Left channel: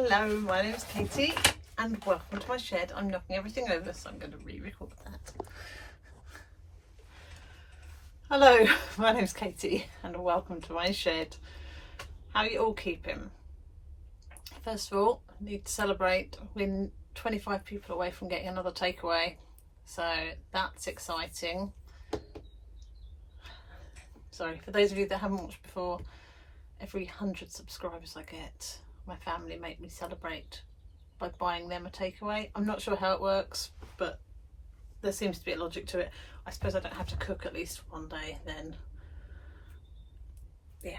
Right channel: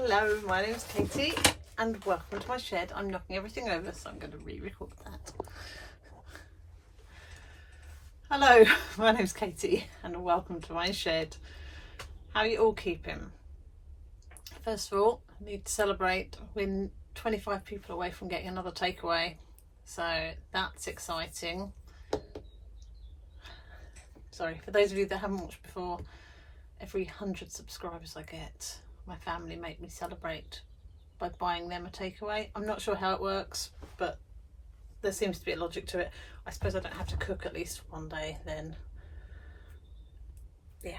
Hello, my name is Katie and welcome to my shed. I'm knocking everything over, so I'm going to re-record that. Hello, my name is Katie and welcome to my shed. How are you all keeping? First of all, I need to celebrate. We're 25 people away from getting another takeaway, so that's exciting. Sorry, for those of you that haven't watched before, every 100 subscribers I get, my family make me celebrate by buying them a takeaway. I'm not sure how it works, but there seems to be a logic to it. I suppose I don't have to cook at least one day, then yeah,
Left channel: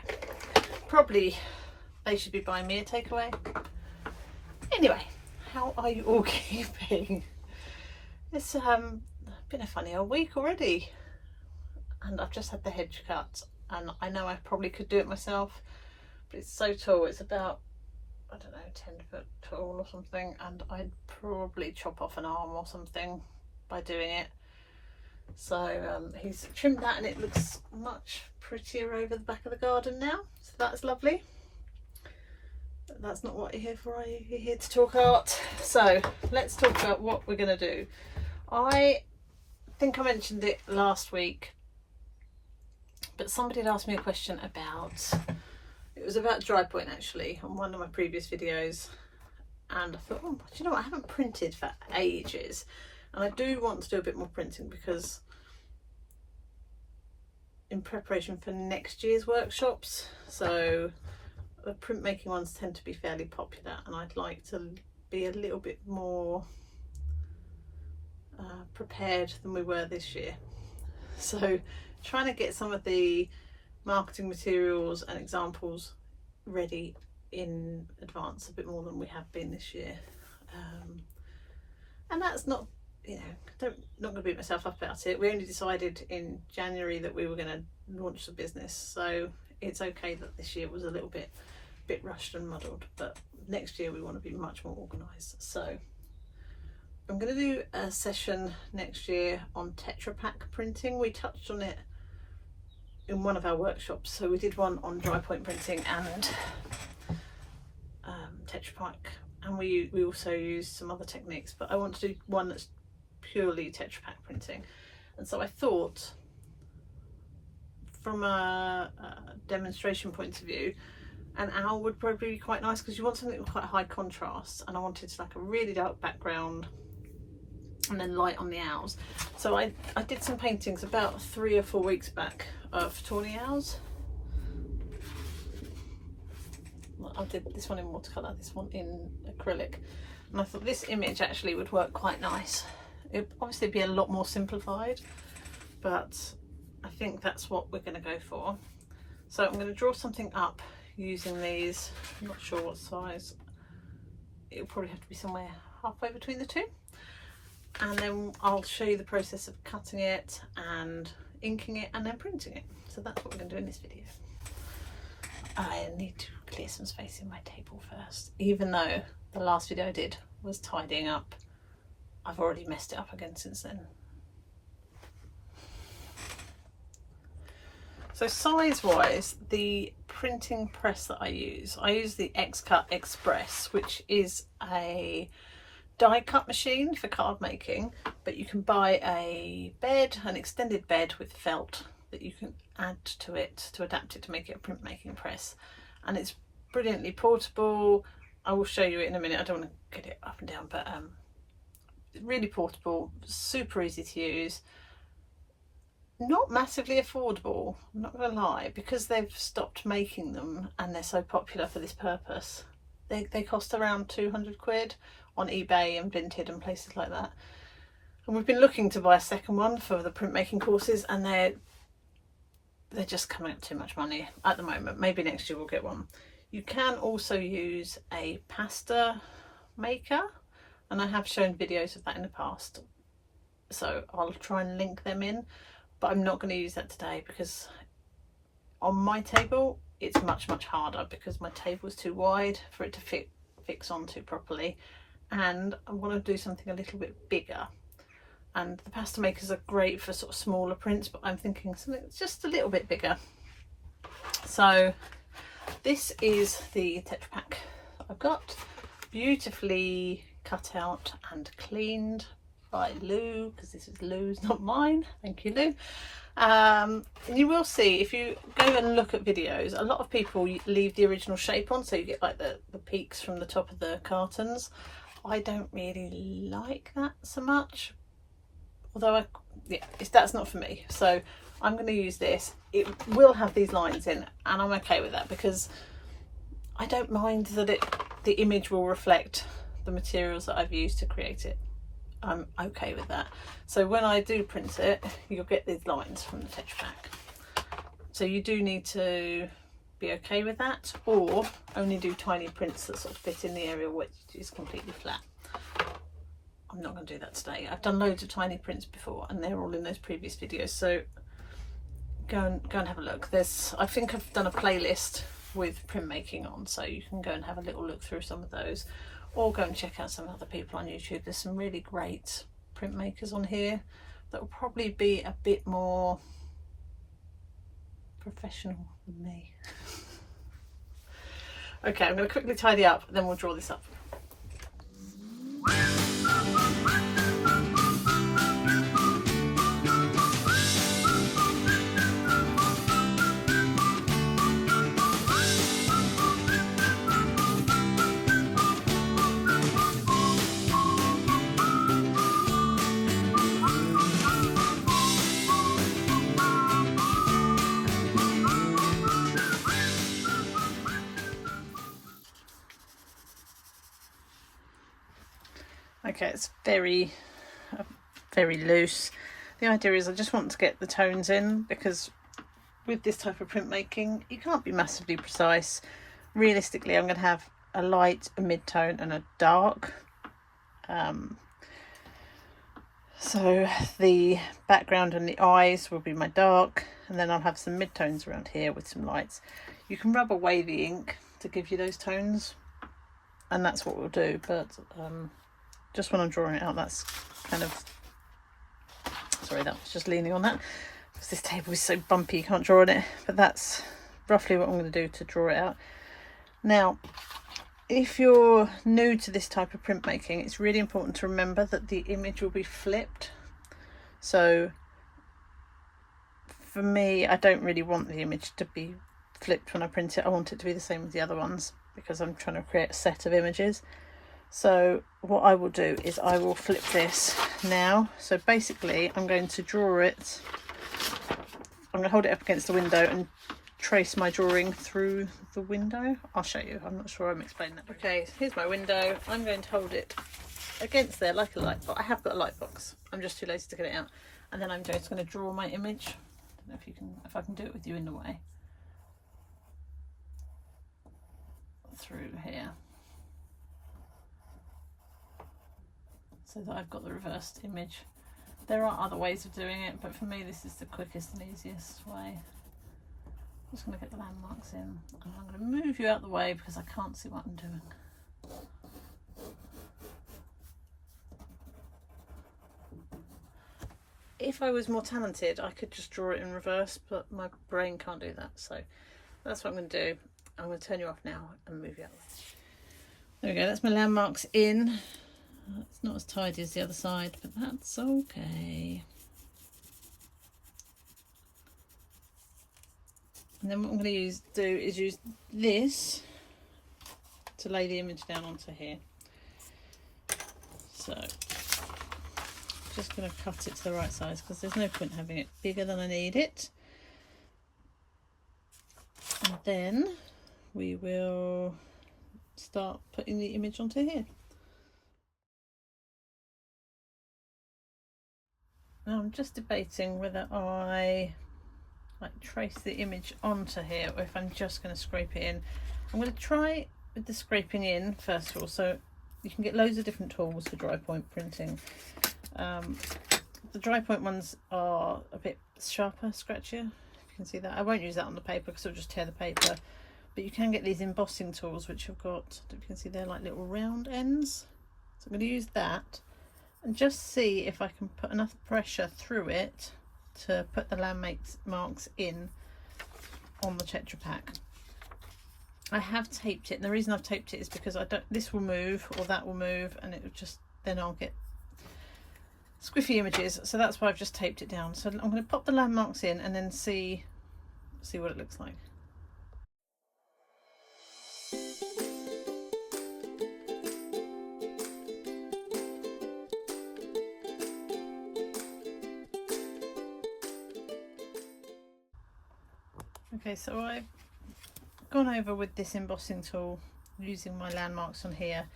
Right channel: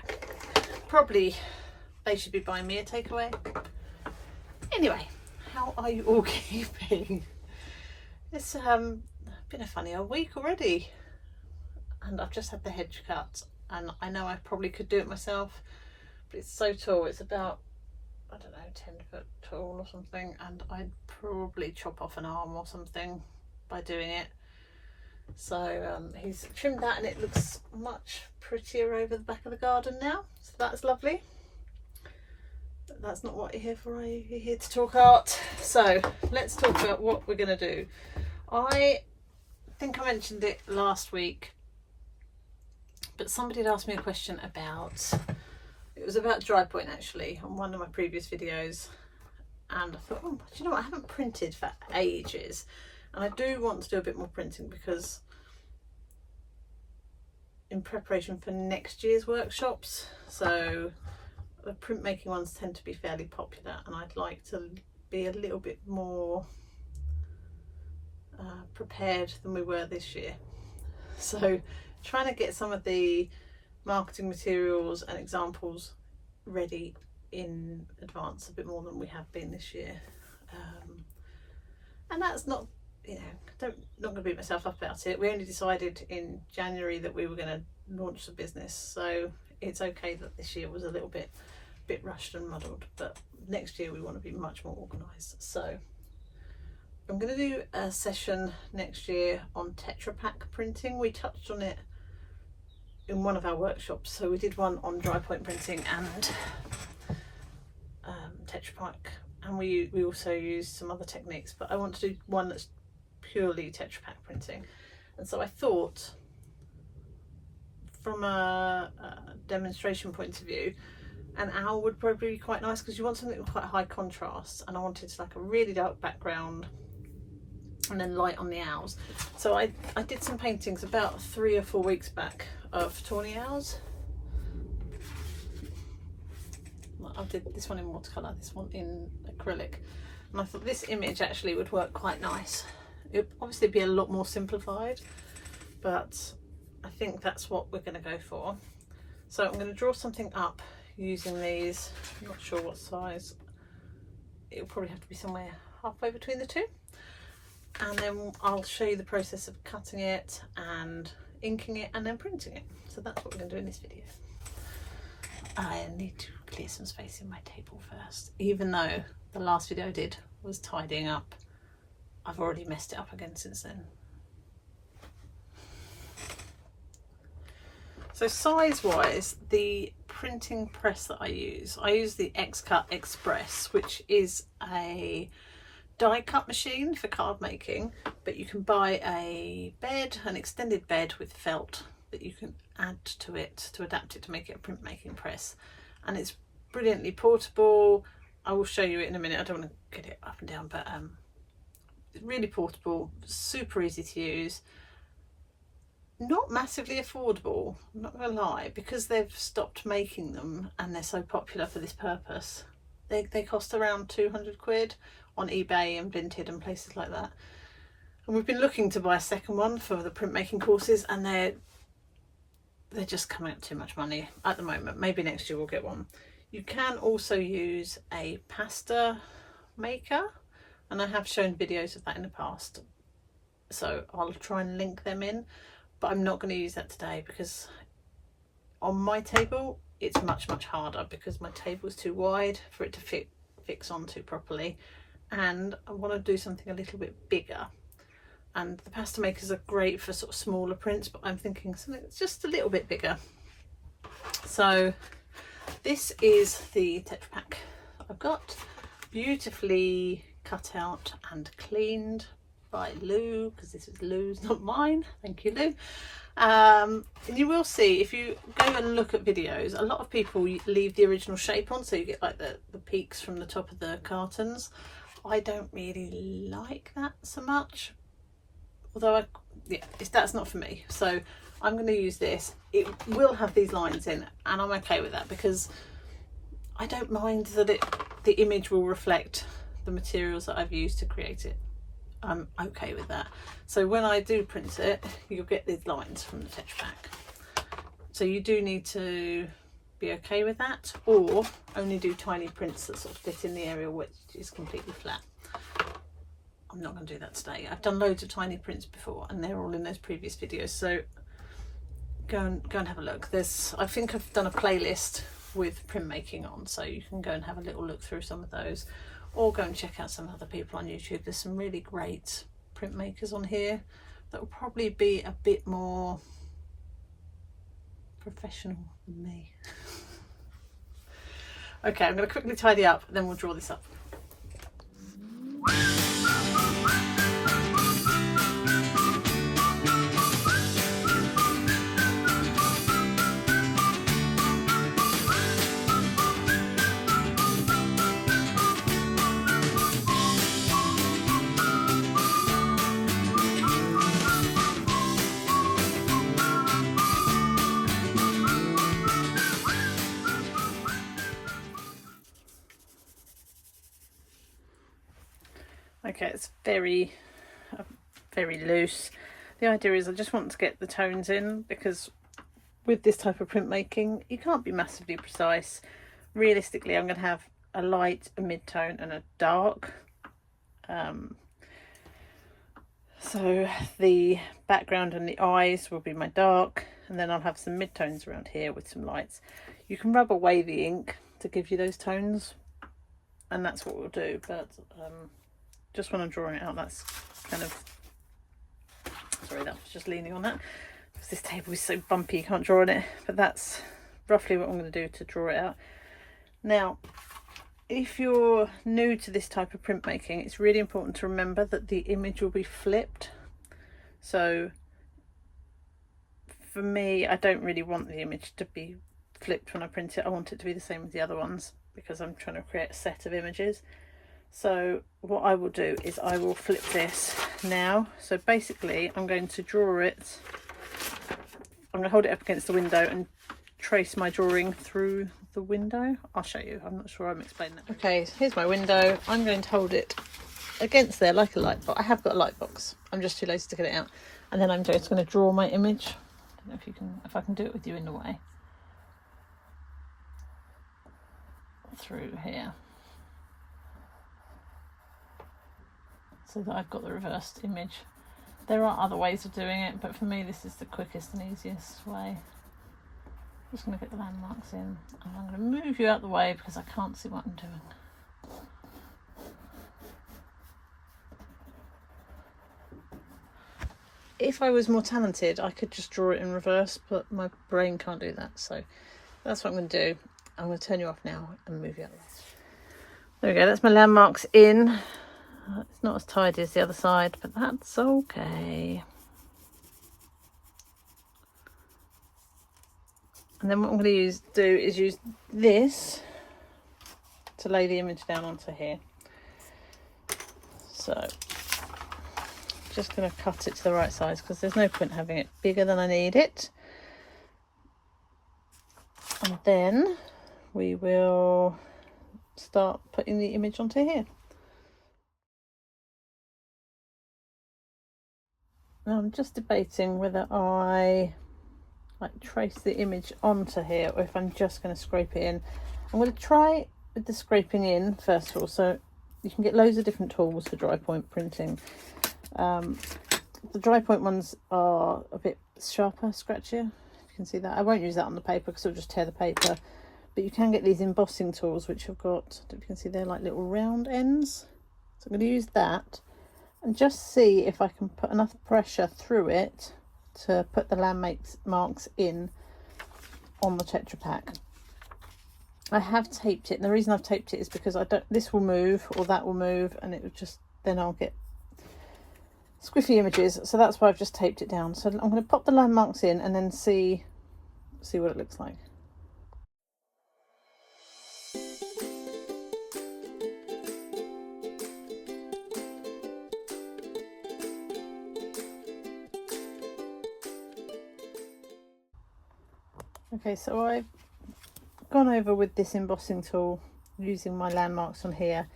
probably they should be buying me a takeaway. Anyway, how are you all keeping? It's been a funny old week already, and I've just had the hedge cut, and I know I probably could do it myself, but it's so tall. It's about, I don't know, 10 foot tall or something, and I'd probably chop off an arm or something by doing it. So he's trimmed that and it looks much prettier over the back of the garden now, so that's lovely. But that's not what you're here for, are you? You're here to talk art. So let's talk about what we're going to do. I think I mentioned it last week, but somebody had asked me a question about, it was about dry point actually, on one of my previous videos, and I thought, oh, do you know what, I haven't printed for ages, and I do want to do a bit more printing because in preparation for next year's workshops, so the printmaking ones tend to be fairly popular, and I'd like to be a little bit more prepared than we were this year. So trying to get some of the marketing materials and examples ready in advance a bit more than we have been this year, and that's not, you know, not going to beat myself up about it. We only decided in January that we were going to launch the business, so it's okay that this year was a little bit rushed and muddled, but next year we want to be much more organised. So I'm going to do a session next year on Tetrapak printing. We touched on it in one of our workshops, so we did one on dry point printing and Tetrapak, and we also used some other techniques, but I want to do one that's purely Tetrapak printing. And so I thought, from a demonstration point of view, an owl would probably be quite nice, because you want something with quite high contrast, and I wanted like a really dark background and then light on the owls. So I did some paintings about 3 or 4 weeks back of Tawny Owls. I did this one in watercolour, this one in acrylic, and I thought this image actually would work quite nice. It would obviously be a lot more simplified, but I think that's what we're going to go for. So I'm going to draw something up using these. I'm not sure what size. It'll probably have to be somewhere halfway between the two, and then I'll show you the process of cutting it and inking it and then printing it. So that's what we're going to do in this video. I need to clear some space in my table first, even though the last video I did was tidying up. I've already messed it up again since then. So size wise, the printing press that I use the X-Cut Express, which is a die cut machine for card making, but you can buy a bed, an extended bed with felt that you can add to it to adapt it to make it a printmaking press, and it's brilliantly portable. I will show you it in a minute. I don't want to get it up and down, but it's really portable, super easy to use, not massively affordable, I'm not gonna lie, because they've stopped making them and they're so popular for this purpose. They cost around 200 quid on eBay and Vinted and places like that, and we've been looking to buy a second one for the printmaking courses, and they're just coming up too much money at the moment. Maybe next year we'll get one. You can also use a pasta maker, and I have shown videos of that in the past, so I'll try and link them in, but I'm not going to use that today because on my table it's much harder, because my table is too wide for it to fix onto properly, and I want to do something a little bit bigger. And the pasta makers are great for sort of smaller prints, but I'm thinking something that's just a little bit bigger. So this is the Tetrapak I've got. beautifully cut out and cleaned by Lou, because this is Lou's, not mine. Thank you, Lou. And you will see, if you go and look at videos, a lot of people leave the original shape on, so you get like the peaks from the top of the cartons. I don't really like that so much, although that's not for me. So I'm going to use this. It will have these lines in, and I'm okay with that, because I don't mind that the image will reflect the materials that I've used to create it. I'm okay with that. So when I do print it, you'll get these lines from the Tetrapak. So you do need to be okay with that, or only do tiny prints that sort of fit in the area which is completely flat. I'm not going to do that today. I've done loads of tiny prints before, and they're all in those previous videos, so go and have a look. I think I've done a playlist with printmaking on, so you can go and have a little look through some of those, or go and check out some other people on YouTube. There's some really great printmakers on here that will probably be a bit more professional than me. Okay, I'm going to quickly tidy up, then we'll draw this up. Okay, it's very loose. The idea is I just want to get the tones in, because with this type of printmaking you can't be massively precise. Realistically, I'm going to have a light, a mid-tone and a dark. So the background and the eyes will be my dark, and then I'll have some mid-tones around here with some lights. You can rub away the ink to give you those tones, and that's what we'll do, but just when I'm drawing it out, that's kind of, sorry, that was just leaning on that, because this table is so bumpy you can't draw on it, but that's roughly what I'm going to do to draw it out. Now, if you're new to this type of printmaking, it's really important to remember that the image will be flipped. So for me, I don't really want the image to be flipped when I print it. I want it to be the same as the other ones, because I'm trying to create a set of images. So what I will do is I will flip this now. So basically I'm going to draw it, I'm going to hold it up against the window and trace my drawing through the window. I'll show you, I'm not sure I'm explaining that. Okay, so here's my window. I'm going to hold it against there like a light box. I have got a light box, I'm just too lazy to get it out. And then I'm just going to draw my image. I don't know if I can do it with you in the way. Through here, so that I've got the reversed image. There are other ways of doing it, but for me this is the quickest and easiest way. I'm just going to get the landmarks in, and I'm going to move you out the way because I can't see what I'm doing. If I was more talented, I could just draw it in reverse, but my brain can't do that, so that's what I'm going to do. I'm going to turn you off now and move you out the way. There we go, that's my landmarks in. It's not as tidy as the other side, but that's okay. And then what I'm going to do is use this to lay the image down onto here. So just going to cut it to the right size, because there's no point having it bigger than I need it. And then we will start putting the image onto here. Now I'm just debating whether I trace the image onto here, or if I'm just going to scrape it in. I'm going to try with the scraping in first of all. So you can get loads of different tools for dry point printing. The dry point ones are a bit sharper, scratchier. You can see that. I won't use that on the paper because it'll just tear the paper. But you can get these embossing tools which have got, I don't know if you can see, they're like little round ends. So I'm going to use that and just see if I can put enough pressure through it to put the landmarks in on the Tetrapak. I have taped it, and the reason I've taped it is because this will move or that will move, and it would just, then I'll get squiffy images, so that's why I've just taped it down. So I'm going to pop the landmarks in and then see what it looks like. Okay, so I've gone over with this embossing tool using my landmarks on here.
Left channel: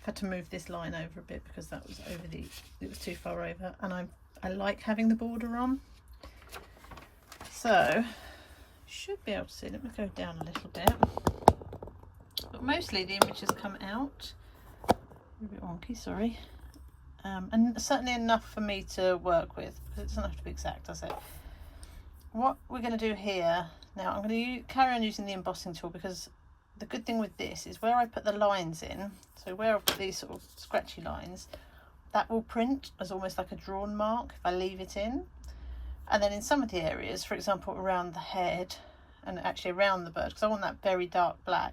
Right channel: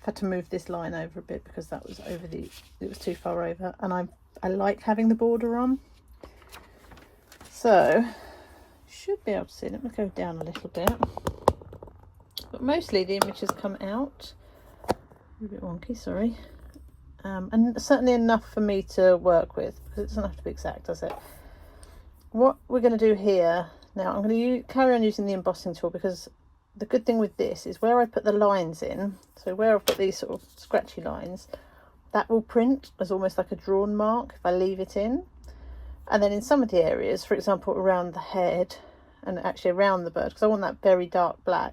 I've had to move this line over a bit because that was it was too far over, and I like having the border on. So should be able to see. Let me go down a little bit, but mostly the image has come out a bit wonky, sorry, and certainly enough for me to work with, because it doesn't have to be exact, does it? What we're going to do here now, I'm going to carry on using the embossing tool, because the good thing with this is where I put the lines in, so where I've got these sort of scratchy lines, that will print as almost like a drawn mark if I leave it in. And then in some of the areas, for example around the head and actually around the bird, because I want that very dark black,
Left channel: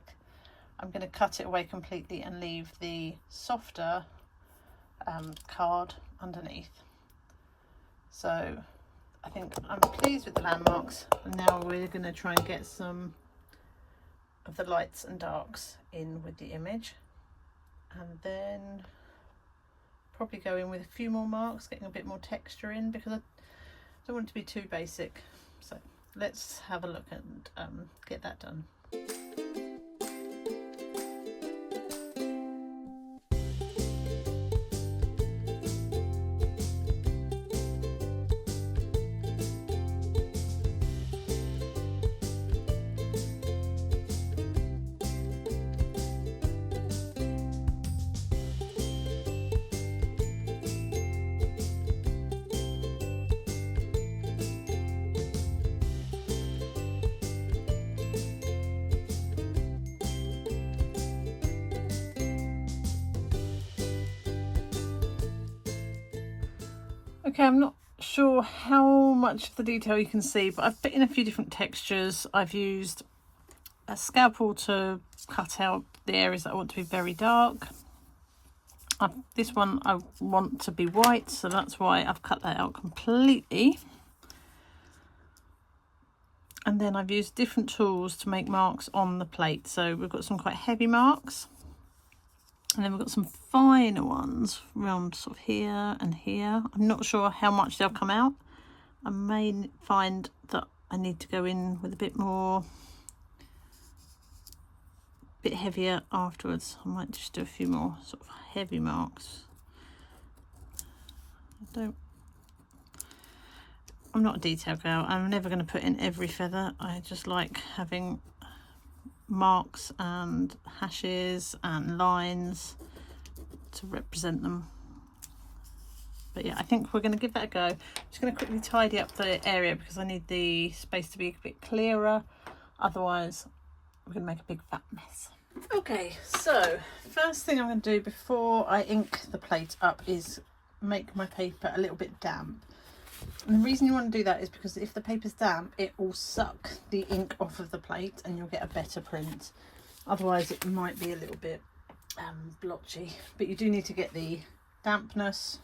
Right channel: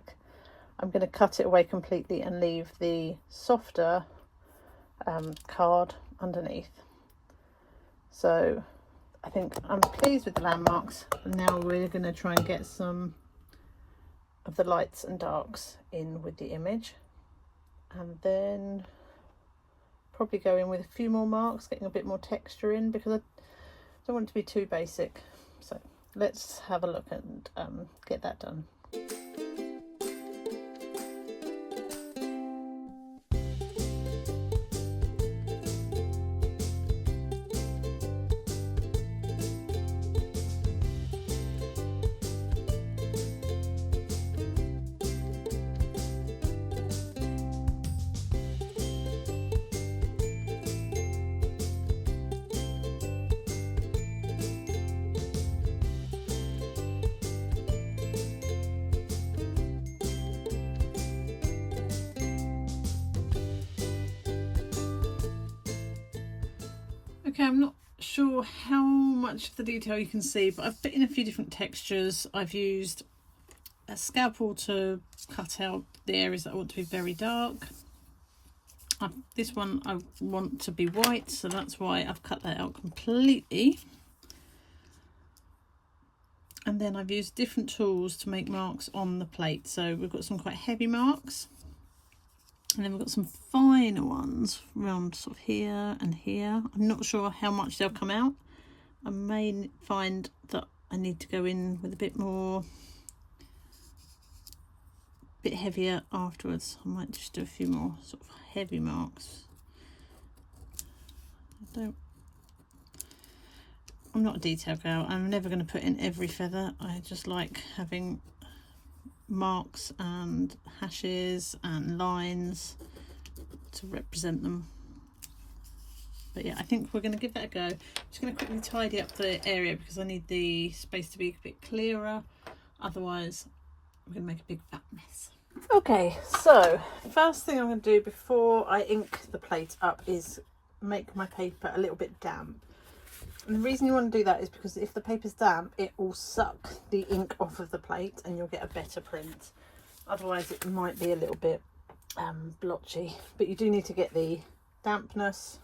I'm going to cut it away completely and leave the softer card underneath. So I think I'm pleased with the landmarks. Now we're going to try and get some of the lights and darks in with the image, and then probably go in with a few more marks, getting a bit more texture in, because I don't want it to be too basic. So let's have a look and get that done. Okay, I'm not sure how much of the detail you can see, but I've put in a few different textures. I've used a scalpel to cut out the areas that I want to be very dark. This one I want to be white, so that's why I've cut that out completely. And then I've used different tools to make marks on the plate. So we've got some quite heavy marks, and then we've got some finer ones around sort of here and here. I'm not sure how much they'll come out. I may find that I need to go in with a bit heavier afterwards. I might just do a few more sort of heavy marks. I'm not a detail girl. I'm never going to put in every feather. I just like having marks and hashes and lines to represent them. But yeah, I think we're going to give that a go. I'm just going to quickly tidy up the area because I need the space to be a bit clearer, otherwise we're going to make a big fat mess. Okay, so first thing I'm going to do before I ink the plate up is make my paper a little bit damp. And the reason you want to do that is because if the paper's damp, it will suck the ink off of the plate and you'll get a better print. Otherwise it might be a little bit blotchy, but you do need to get the dampness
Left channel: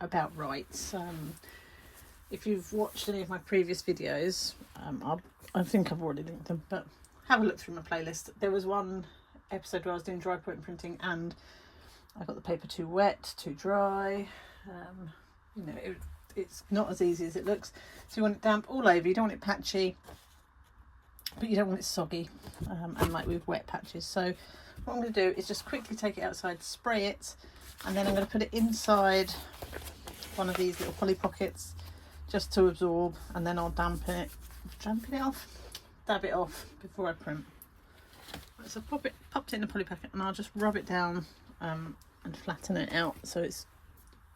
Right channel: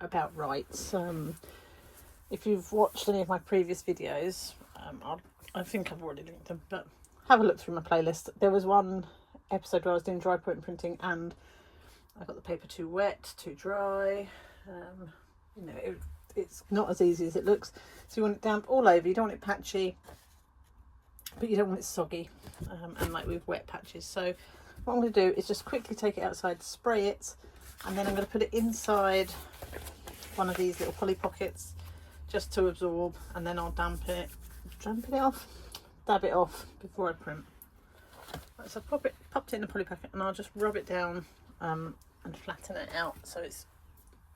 about right. If you've watched any of my previous videos, I think I've already linked them, but have a look through my playlist. There was one episode where I was doing dry point printing and I got the paper too wet, too dry. You know, it's not as easy as it looks. So you want it damp all over. You don't want it patchy, but you don't want it soggy and like with wet patches. So what I'm going to do is just quickly take it outside, spray it, and then I'm going to put it inside one of these little poly pockets just to absorb, and then I'll dab it off before I print. Right, so I've popped it in a poly packet, and I'll just rub it down and flatten it out so it's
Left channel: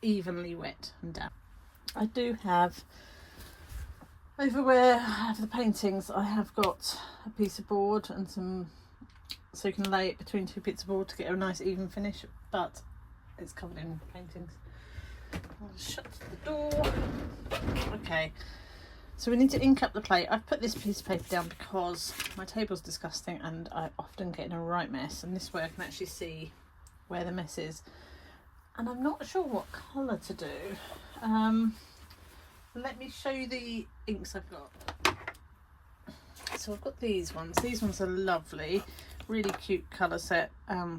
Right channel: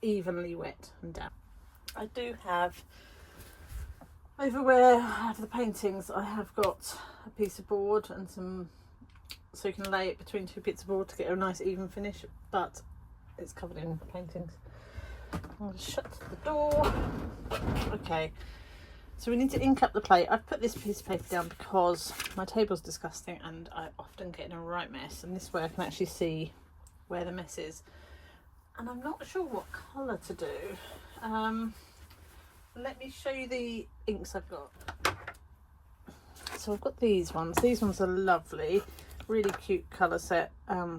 evenly wet and damp. I do have over where I have the paintings, I have got a piece of board and some, so you can lay it between two bits of board to get a nice even finish, but it's covered in paintings. I'll just shut the door. Okay, So we need to ink up the plate. I've put this piece of paper down because my table's disgusting and I often get in a right mess, and this way I can actually see where the mess is. And I'm not sure what colour to do. Let me show you the inks I've got. So I've got these ones. These ones are lovely, really cute colour set.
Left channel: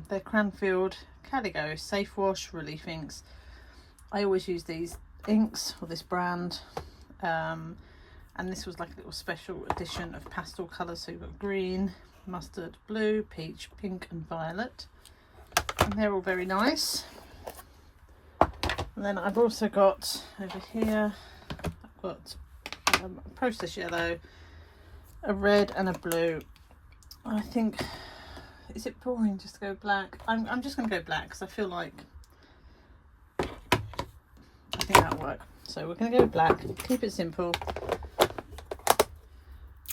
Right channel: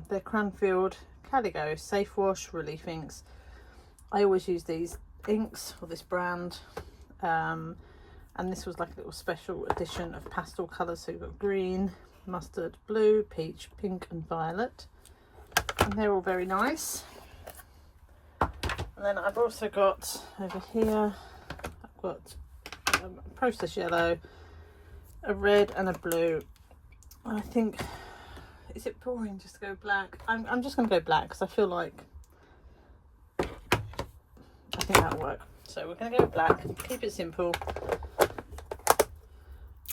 They're Cranfield Calico Safe Wash Relief inks. I always use these inks, or this brand. And this was like a little special edition of pastel colours. So you've got green, mustard, blue, peach, pink and violet. And they're all very nice. And then I've also got over here, I've got a process yellow, a red and a blue. I think, is it boring just to go black? I'm just going to go black because I feel like, I think that'll work. So we're going to go black, keep it simple.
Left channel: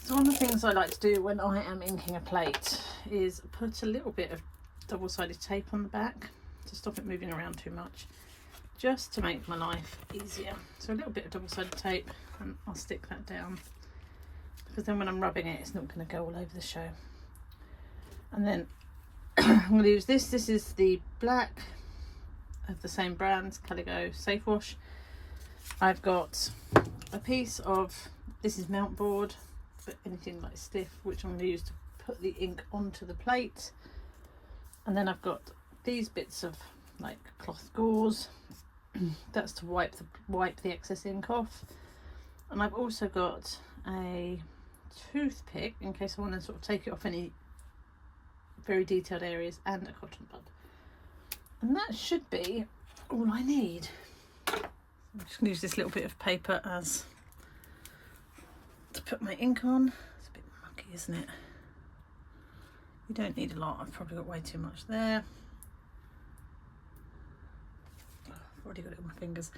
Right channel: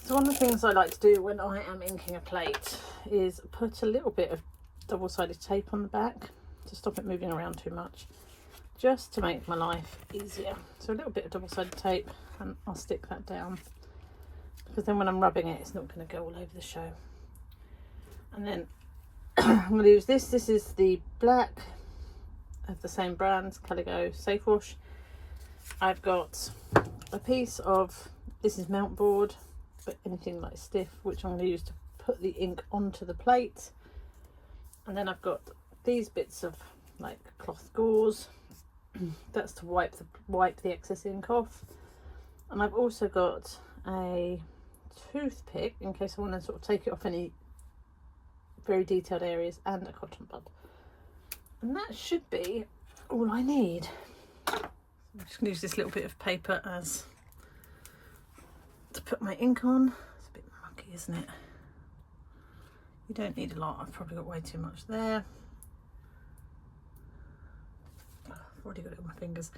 So one of the things I like to do when I am inking a plate is put a little bit of double-sided tape on the back to stop it moving around too much, just to make my life easier. So a little bit of double-sided tape, and I'll stick that down, because then when I'm rubbing it, it's not going to go all over the show. And then I'm going to use this. This is the black of the same brand, Calico Safe Wash. I've got a piece of, this is mount board, but anything like stiff, which I'm going to use to put the ink onto the plate. And then I've got these bits of like cloth gauze. That's to wipe the excess ink off. And I've also got a toothpick in case I want to sort of take it off any very detailed areas, and a cotton bud. And that should be all I need. I'm just going to use this little bit of paper as to put my ink on. It's a bit mucky, isn't it? You don't need a lot. I've probably got way too much there. Oh, I've already got it on my fingers.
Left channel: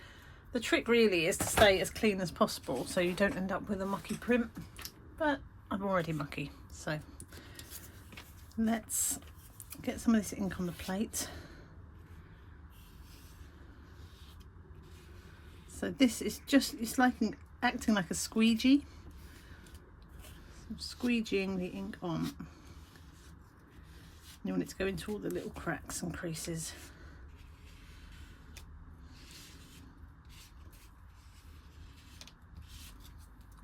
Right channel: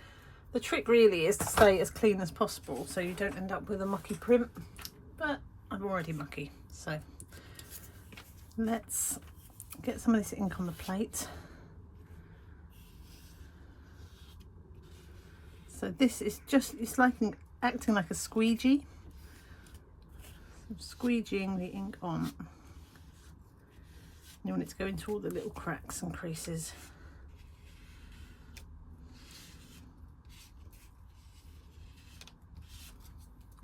The trick really is to stay as clean as possible so you don't end up with a mucky print, but I'm already mucky. So let's get some of this ink on the plate. So this is just, it's like acting like a squeegee. I'm squeegeeing the ink on. You want it to go into all the little cracks and creases.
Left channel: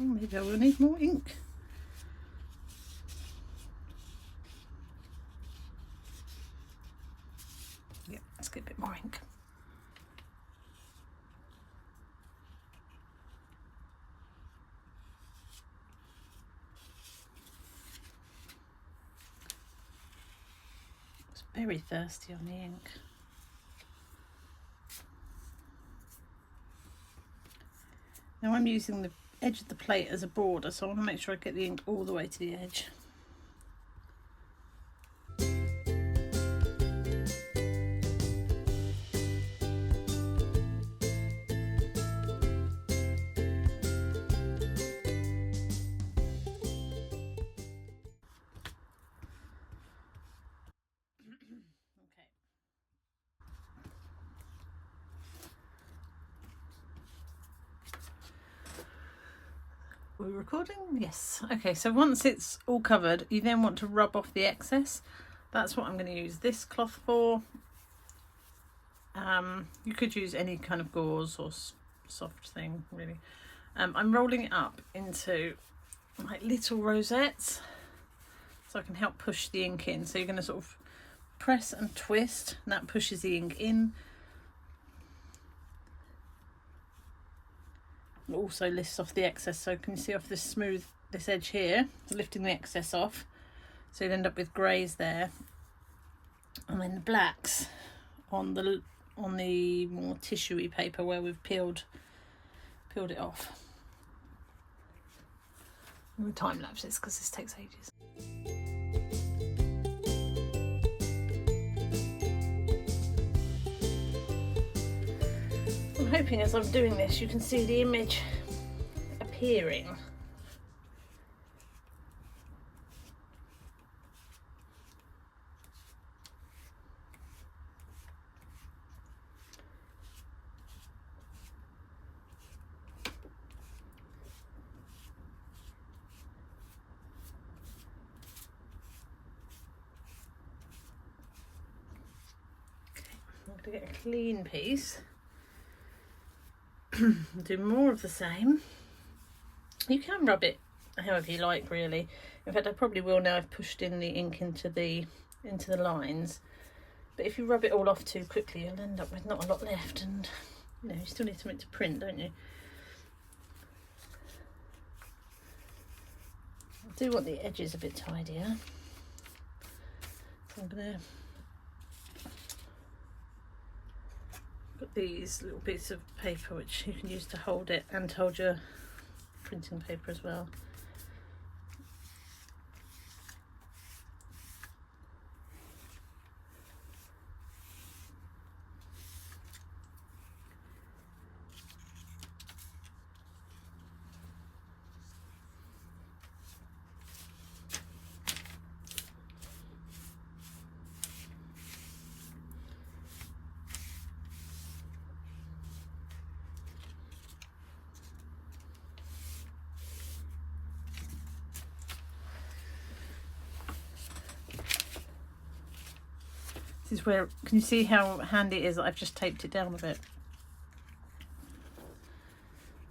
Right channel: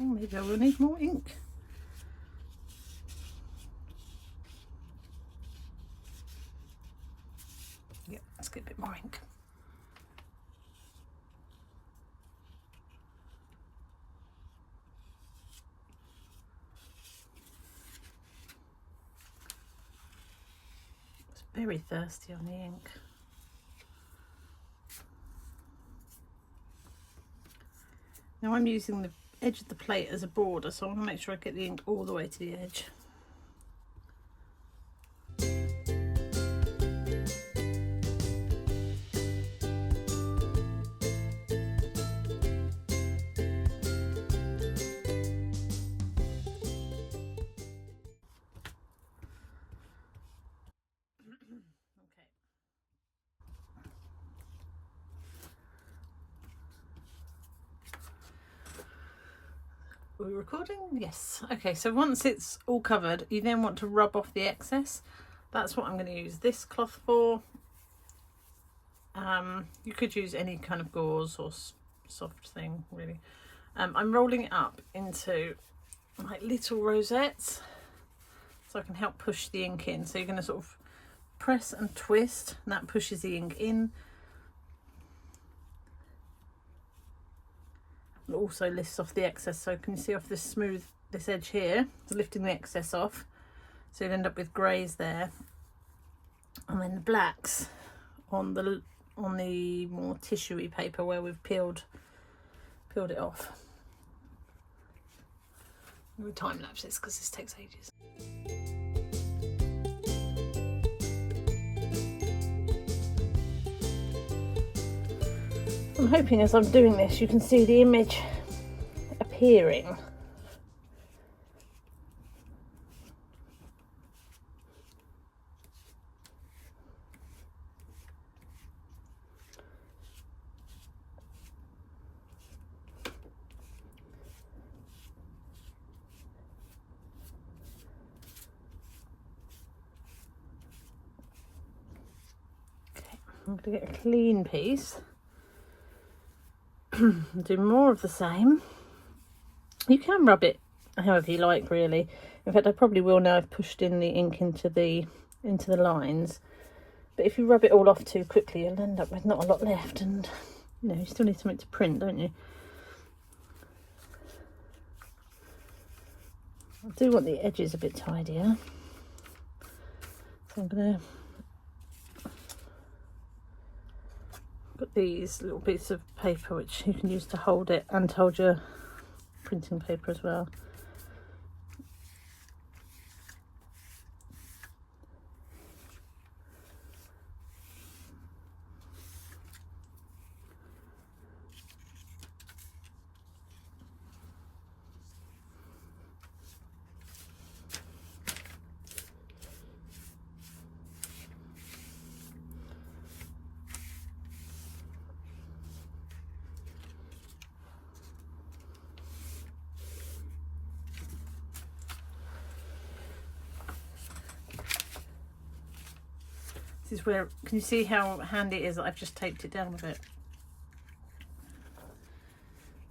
Oh, maybe I will need more ink. Yeah, let's get a bit more ink. Very thirsty on the ink. Now I'm using the edge of the plate as a border, so I want to make sure I get the ink all the way to the edge. Are we recording? Yes. Okay, so once it's all covered, you then want to rub off the excess. That's what I'm going to use this cloth for. You could use any kind of gauze or soft thing, really. I'm rolling it up into like little rosettes so I can help push the ink in. So you're going to sort of press and twist, and that pushes the ink in. It also lifts off the excess, so can you see off this edge here, it's lifting the excess off, so you'll end up with greys there, and then the blacks on the more tissuey paper where we've peeled it off. We'll time lapse this because this takes ages. I'm hoping as I'm doing this you can see the image appearing. I'm going to get a clean piece. Do more of the same. You can rub it however you like, really. In fact, I probably will now. I've pushed in the ink into the lines. But if you rub it all off too quickly, you'll end up with not a lot left, and you know, you still need something to print, don't you? I do want the edges a bit tidier, so I'm gonna got these little bits of paper which you can use to hold it and hold your printing paper as well. This is where, can you see how handy it is that I've just taped it down a bit?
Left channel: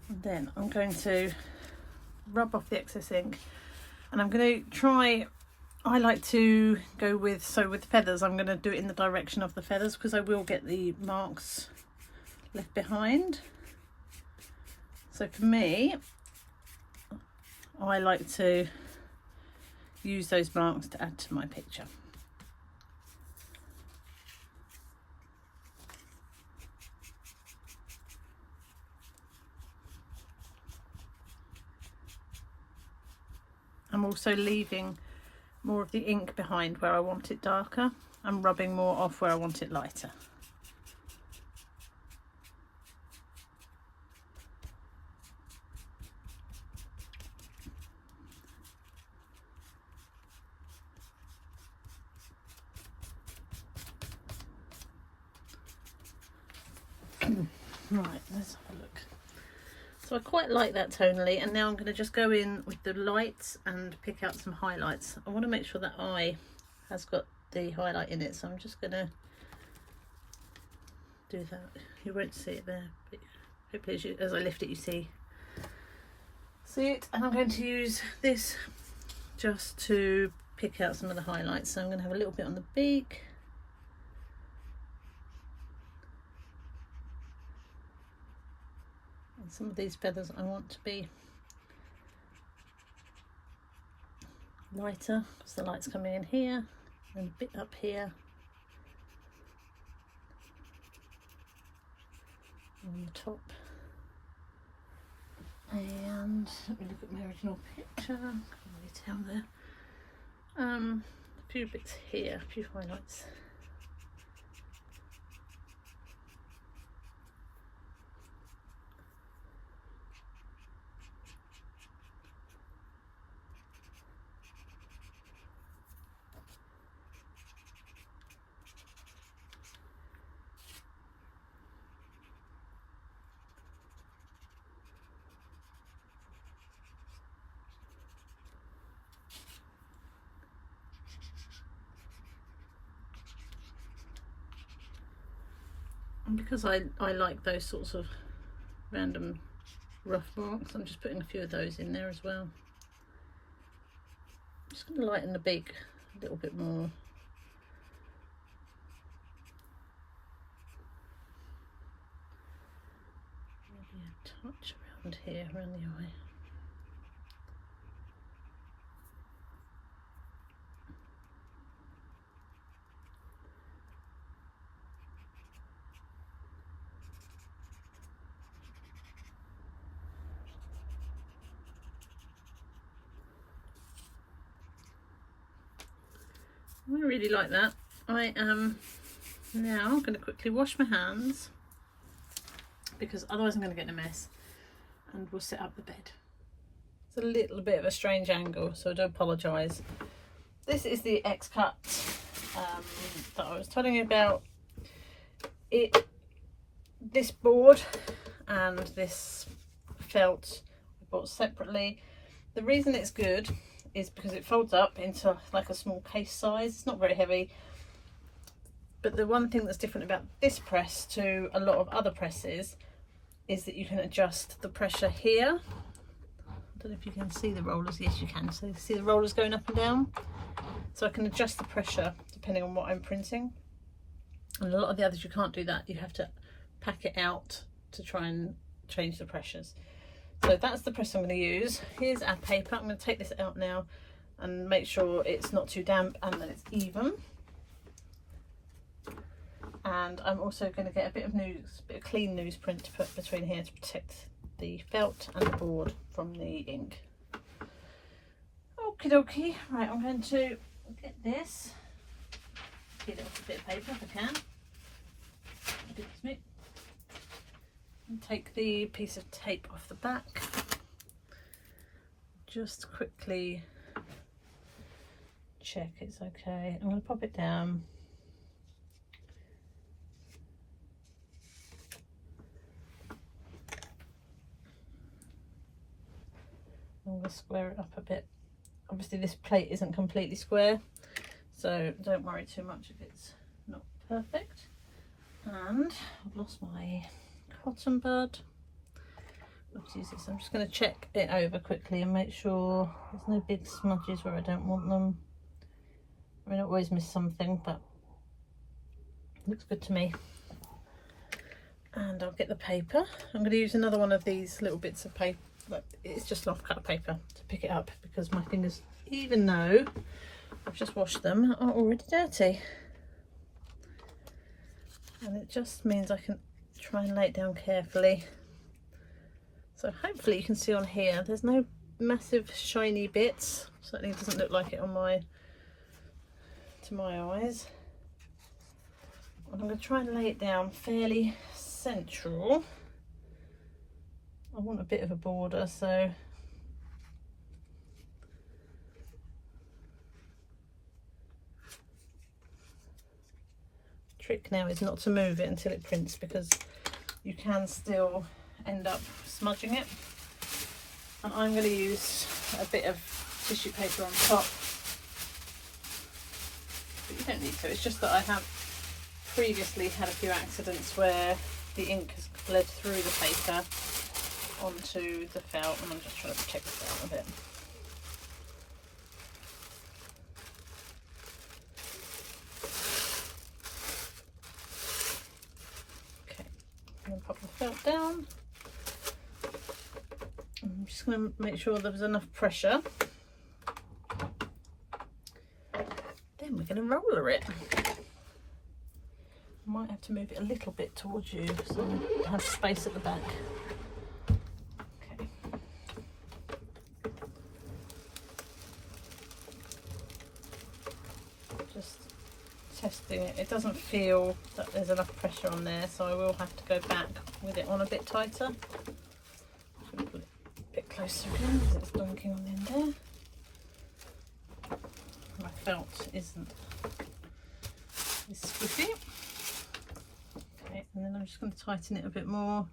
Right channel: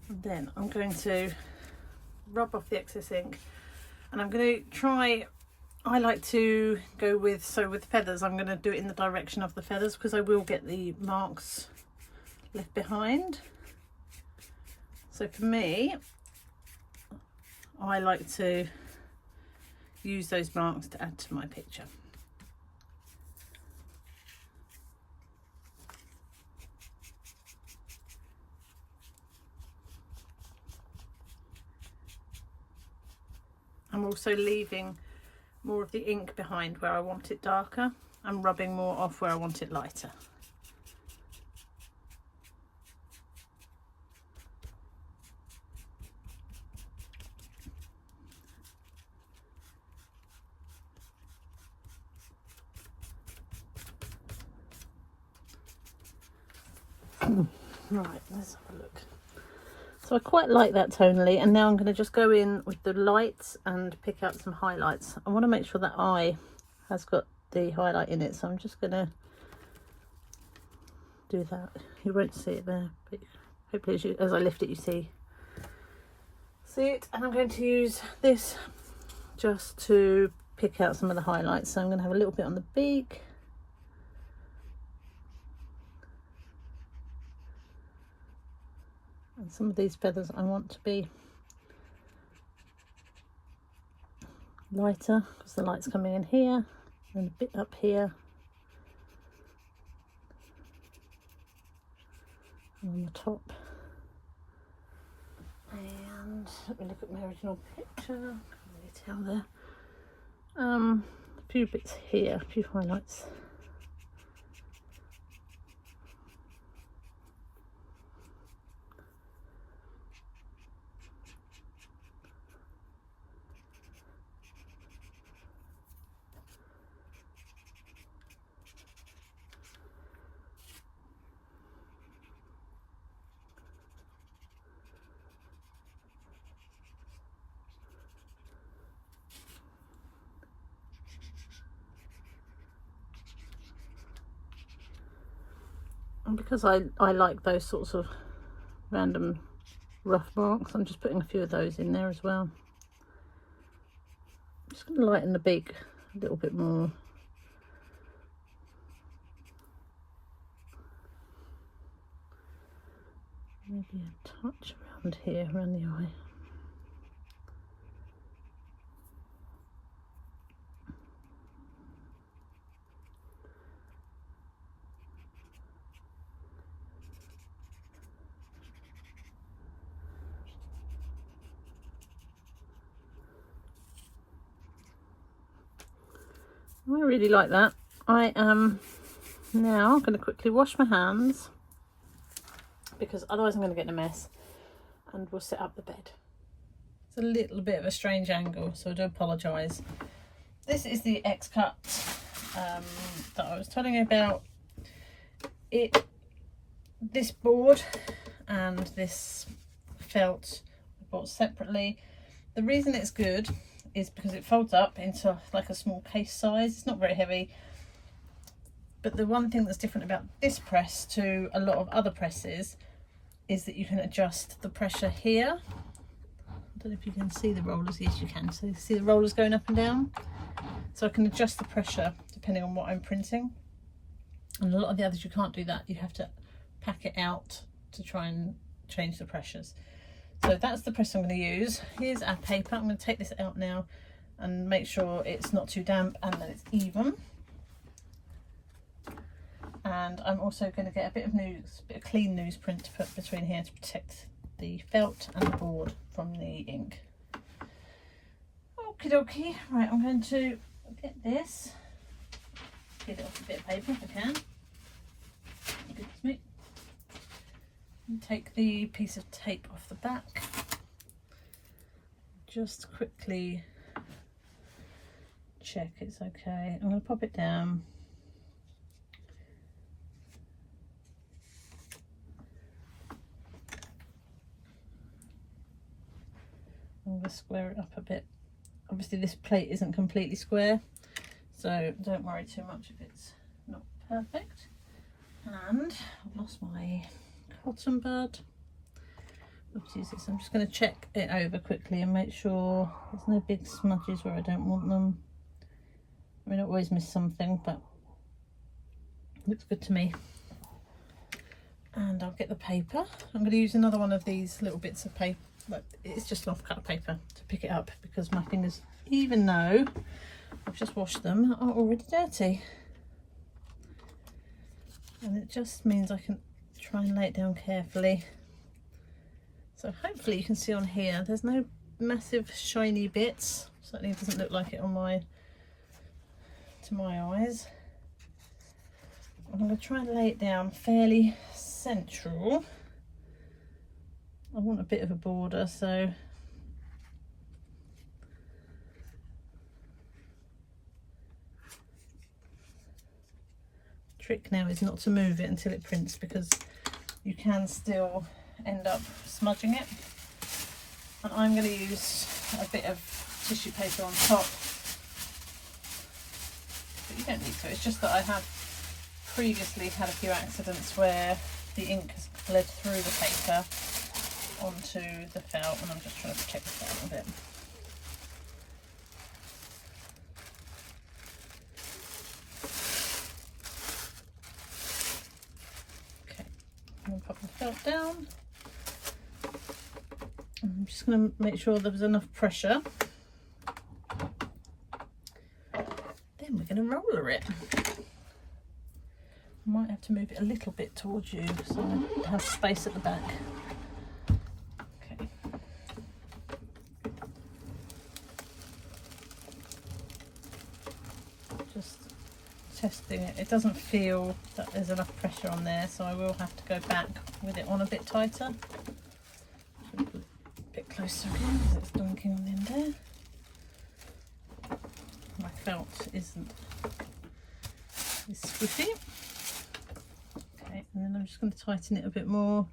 And then I'm going to rub off the excess ink, and I'm going to try, I like to go with, so with feathers, I'm going to do it in the direction of the feathers, because I will get the marks left behind. So for me, I like to use those marks to add to my picture. I'm also leaving more of the ink behind where I want it darker. I'm rubbing more off where I want it lighter. Right, let's have a look. So I quite like that tonally, and now I'm going to just go in with the lights and pick out some highlights. I want to make sure that eye has got the highlight in it, so I'm just going to do that. You won't see it there, but hopefully as I lift it you see it. And I'm going to use this just to pick out some of the highlights. So I'm going to have a little bit on the beak. And some of these feathers I want to be lighter because the light's coming in here and a bit up here and on the top. And let me look at my original picture. Can't really tell there. A few bits here, a few highlights. And because I like those sorts of random rough marks, I'm just putting a few of those in there as well. I'm just going to lighten the beak a little bit more. Maybe a touch around here, around the eye. I really like that. I am now going to quickly wash my hands because otherwise I'm going to get in a mess, and we'll set up the bed. It's a little bit of a strange angle, so I do apologise. This is the X-cut that I was telling you about. This board and this felt I bought separately. The reason it's good is because it folds up into like a small case size. It's not very heavy. But the one thing that's different about this press to a lot of other presses is that you can adjust the pressure here. I don't know if you can see the rollers. Yes, you can. So you see the rollers going up and down. So I can adjust the pressure depending on what I'm printing. And a lot of the others you can't do that. You have to pack it out to try and change the pressures. So that's the press I'm going to use. Here's our paper. I'm going to take this out now and make sure it's not too damp and that it's even. And I'm also going to get a bit of clean newsprint to put between here to protect the felt and the board from the ink. Okie dokie. Right, I'm going to get this. Get it off a bit of paper if I can. Beats me. And take the piece of tape off the back. Just quickly check it's okay. I'm going to pop it down. I'm going to square it up a bit. Obviously this plate isn't completely square, so don't worry too much if it's not perfect. And I've lost my cotton bud. Oopsies, so I'm just going to check it over quickly and make sure there's no big smudges where I don't want them. I mean, I always miss something, but it looks good to me. And I'll get the paper. I'm going to use another one of these little bits of paper. But it's just off cut paper to pick it up because my fingers, even though I've just washed them, are already dirty. And it just means I can try and lay it down carefully. So hopefully you can see on here, there's no massive shiny bits. Certainly doesn't look like it on to my eyes. I'm going to try and lay it down fairly central. I want a bit of a border, so trick now is not to move it until it prints because you can still end up smudging it. And I'm going to use a bit of tissue paper on top, but you don't need to. It's just that I have previously had a few accidents where the ink has bled through the paper onto the felt, and I'm just trying to protect the felt a bit. Okay, I'm going to pop the felt down. I'm just going to make sure there's enough pressure. Then we're going to roller it. I might have to move it a little bit towards you so I have space at the back. Testing it. It doesn't feel that there's enough pressure on there, so I will have to go back with it on a bit tighter. A bit closer in because it's donking on the end there. My felt is squiffy. Okay, and then I'm just going to tighten it a bit more,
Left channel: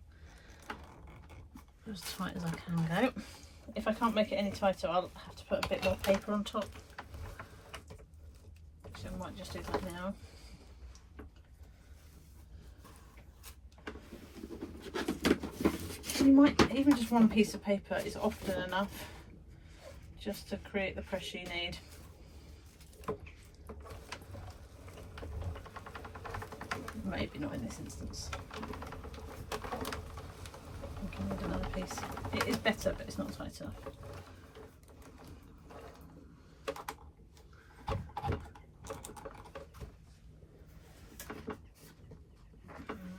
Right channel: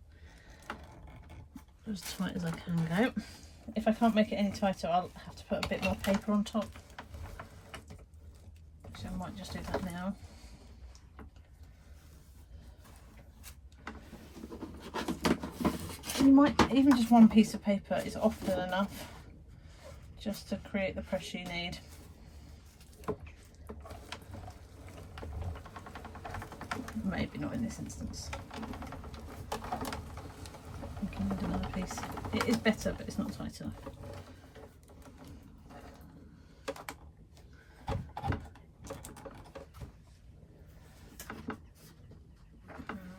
as tight as I can go. If I can't make it any tighter, I'll have to put a bit more paper on top. So I might just do that now. You might, even just one piece of paper is often enough just to create the pressure you need. Maybe not in this instance. I can need another piece. It is better, but it's not tight enough.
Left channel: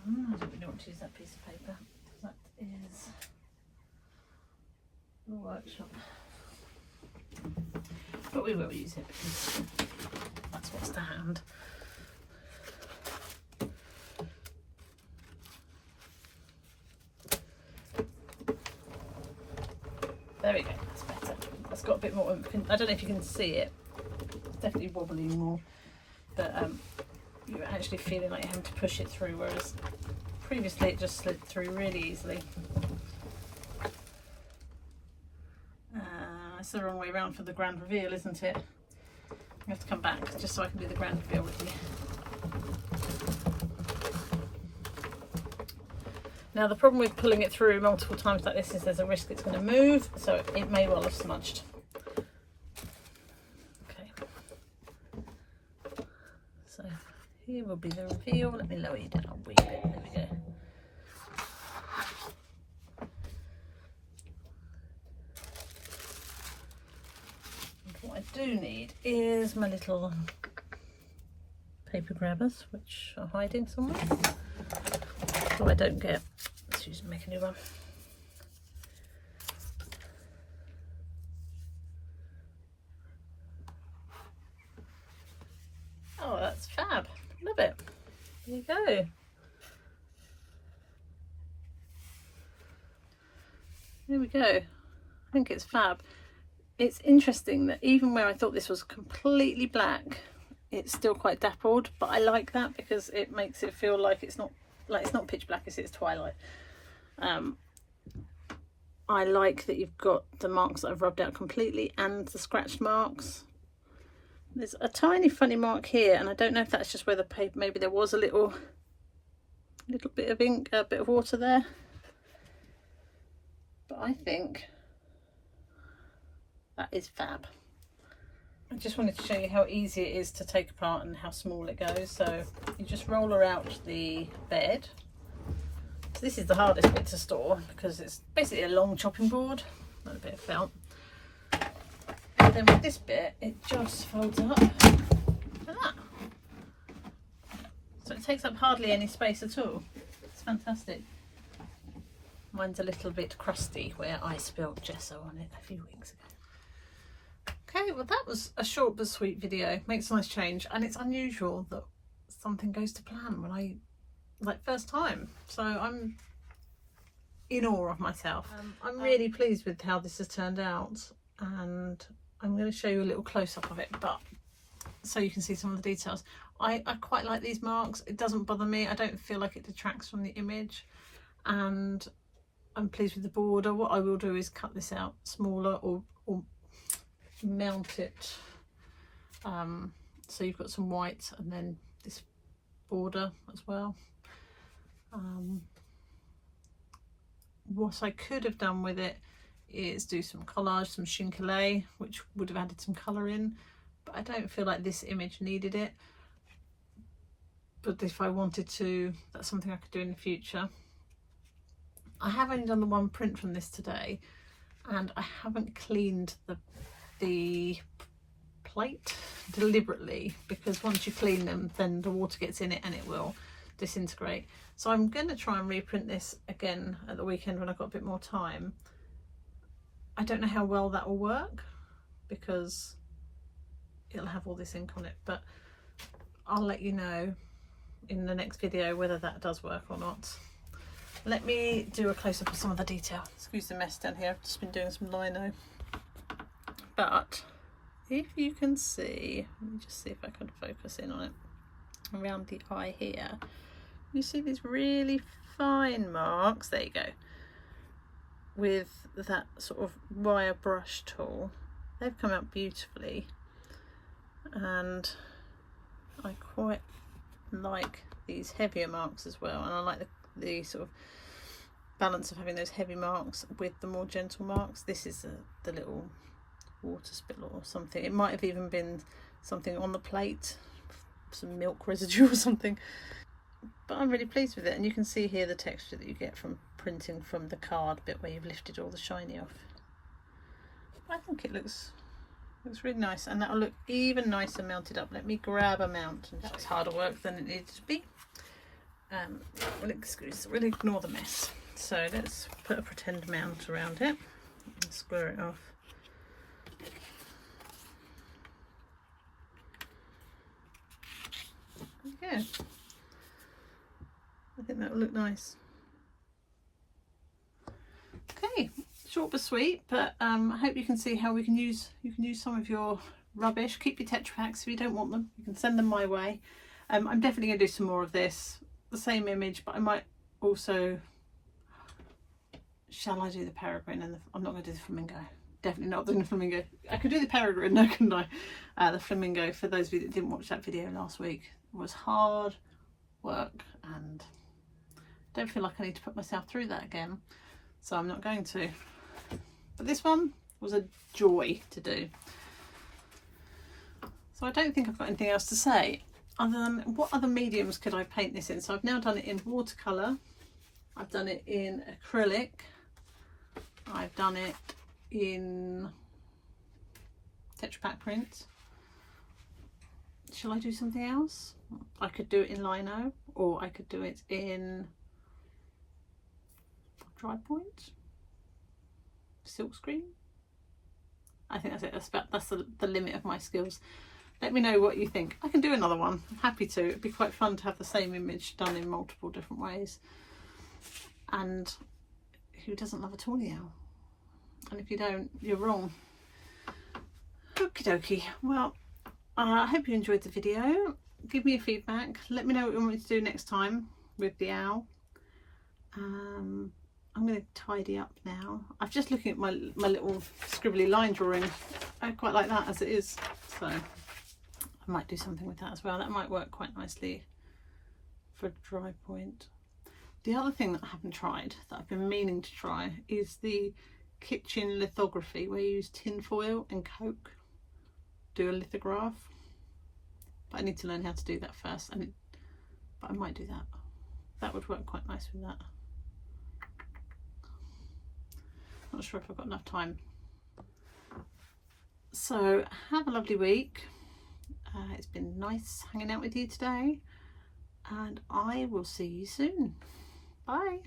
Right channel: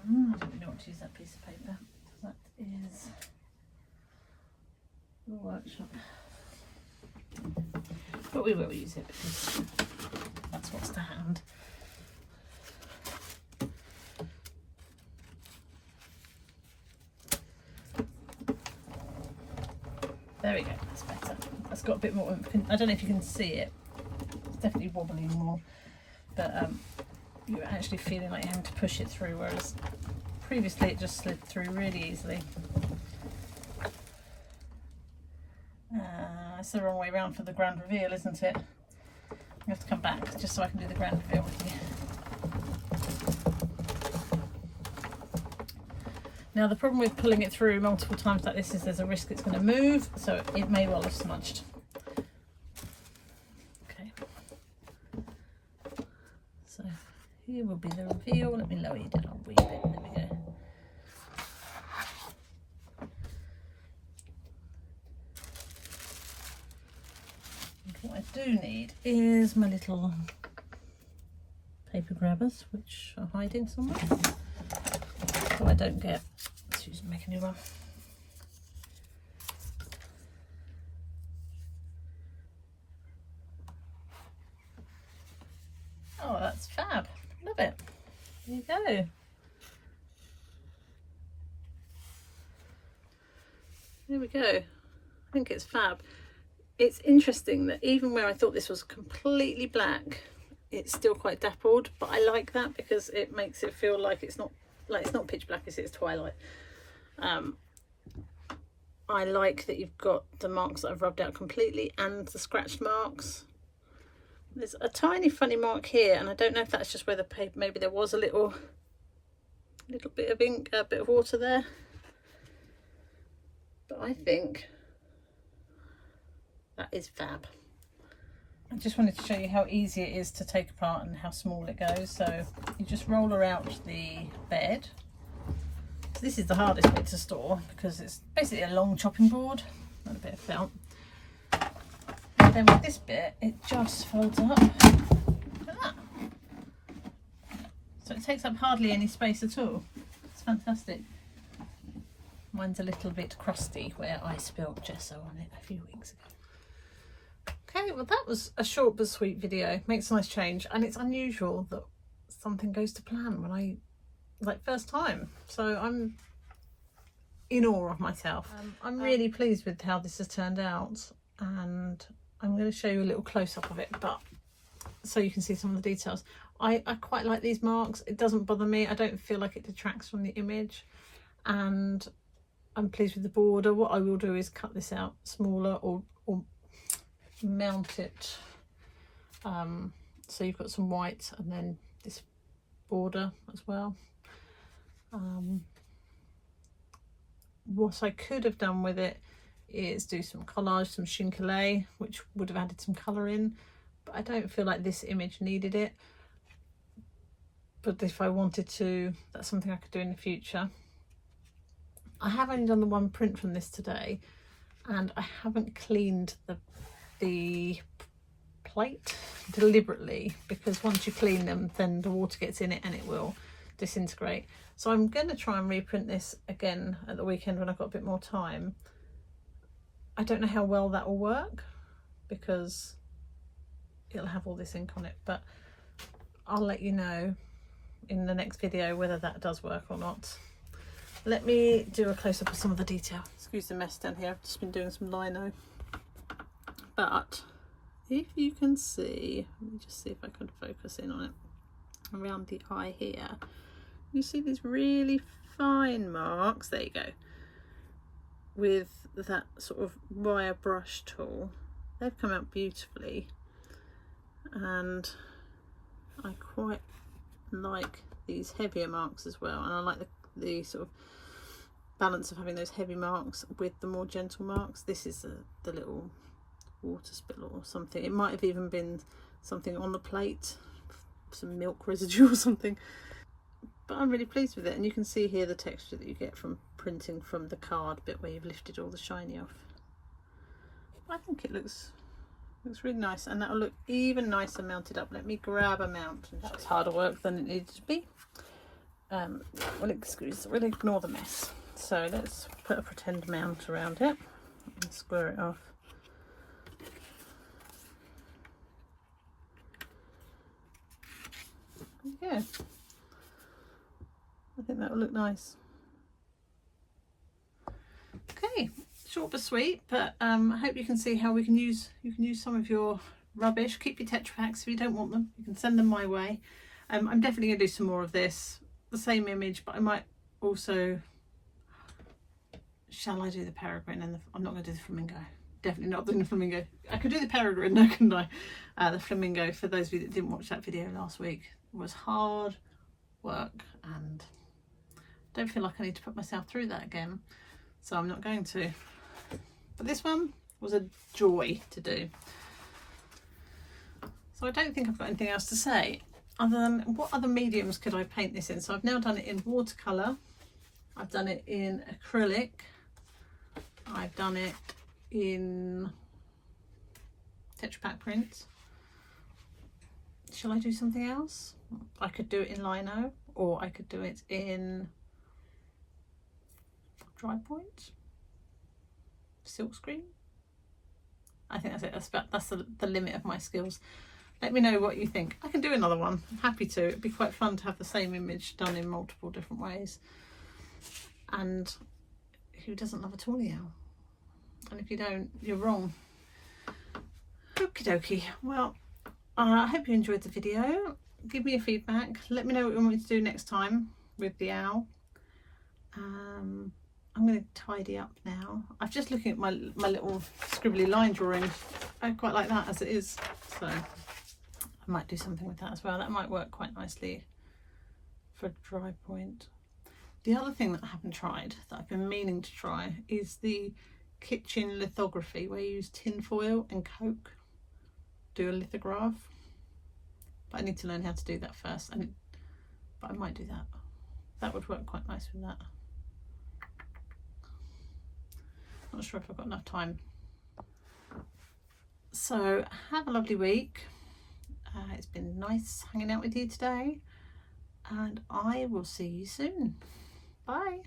I don't really want to use that piece of paper. That is the workshop. But we will use it because that's what's to hand. There we go, that's better. That's got a bit more, I don't know if you can see it. It's definitely wobbling more, but you're actually feeling like you're having to push it through, whereas previously it just slid through really easily. It's the wrong way around for the grand reveal, isn't it? You have to come back just so I can do the grand reveal with you. Now the problem with pulling it through multiple times like this is there's a risk it's going to move, so it may well have smudged. Okay, so here will be the reveal. Let me lower you down a wee bit. There we go. Okay, what I do need is my little paper grabbers, which are hiding somewhere, so I don't get. Let's use make a new one. Oh, that's fab! Love it. There you go. There we go. I think it's fab. It's interesting that even where I thought this was completely black, it's still quite dappled, but I like that because it makes it feel like it's not pitch black, it's twilight. I like that you've got the marks that I've rubbed out completely and the scratched marks. There's a tiny funny mark here, and I don't know if that's just where the paper, maybe there was a little bit of ink, a bit of water there, but I think that is fab. I just wanted to show you how easy it is to take apart and how small it goes. So you just roll her out the bed. So this is the hardest bit to store because it's basically a long chopping board and a bit of felt. And then with this bit, it just folds up like that. So it takes up hardly any space at all. It's fantastic. Mine's a little bit crusty where I spilled gesso on it a few weeks ago. Okay, well that was a short but sweet video. Makes a nice change, and it's unusual that something goes to plan when I, first time. So I'm in awe of myself. I'm really pleased with how this has turned out, and I'm going to show you a little close-up of it, but so you can see some of the details. I quite like these marks. It doesn't bother me. I don't feel like it detracts from the image, and I'm pleased with the border. What I will do is cut this out smaller or mount it so you've got some white and then this border as well. What I could have done with it is do some collage, some chincolet, which would have added some colour in, but I don't feel like this image needed it. But if I wanted to, that's something I could do in the future. I have only done the one print from this today, and I haven't cleaned the plate deliberately, because once you clean them then the water gets in it and it will disintegrate. So I'm going to try and reprint this again at the weekend when I've got a bit more time. I don't know how well that will work because it'll have all this ink on it, but I'll let you know in the next video whether that does work or not. Let me do a close-up of some of the detail. Excuse the mess down here, I've just been doing some lino. But if you can see, let me just see if I can focus in on it, around the eye here, you see these really fine marks, there you go, with that sort of wire brush tool. They've come out beautifully, and I quite like these heavier marks as well, and I like the sort of balance of having those heavy marks with the more gentle marks. This is the little water spill or something. It might have even been something on the plate, some milk residue or something, but I'm really pleased with it. And you can see here the texture that you get from printing from the card bit where you've lifted all the shiny off. I think it looks really nice, and that'll look even nicer mounted up. Let me grab a mount. That was harder work than it needed to be. We'll ignore the mess. So let's put a pretend mount around it and square it off. Yeah, I think that will look nice. Okay, short but sweet, but I hope you can see how you can use some of your rubbish. Keep your Tetra Paks if you don't want them. You can send them my way. I'm definitely going to do some more of this, the same image, but I might also, shall I do the peregrine? And I'm not going to do the flamingo. Definitely not doing the flamingo. I could do the peregrine, no, couldn't I? The flamingo, for those of you that didn't watch that video last week, was hard work, and I don't feel like I need to put myself through that again, so I'm not going to. But this one was a joy to do. So I don't think I've got anything else to say other than what other mediums could I paint this in. So I've now done it in watercolour, I've done it in acrylic, I've done it in Tetrapak print. Shall I do something else? I could do it in lino, or I could do it in dry point, silk screen. I think that's it. That's the limit of my skills. Let me know what you think. I can do another one. I'm happy to. It'd be quite fun to have the same image done in multiple different ways. And who doesn't love a Tawny Owl? And if you don't, you're wrong. Okie dokie. Well, I hope you enjoyed the video. Give me your feedback. Let me know what you want me to do next time with the owl. I'm going to tidy up now. I'm just looking at my little scribbly line drawing. I quite like that as it is. So I might do something with that as well. That might work quite nicely for dry point. The other thing that I haven't tried, that I've been meaning to try, is the kitchen lithography, where you use tin foil and coke, do a lithograph. But I need to learn how to do that first. But I might do that. That would work quite nice with that. Not sure if I've got enough time. So have a lovely week. It's been nice hanging out with you today, and I will see you soon. Bye.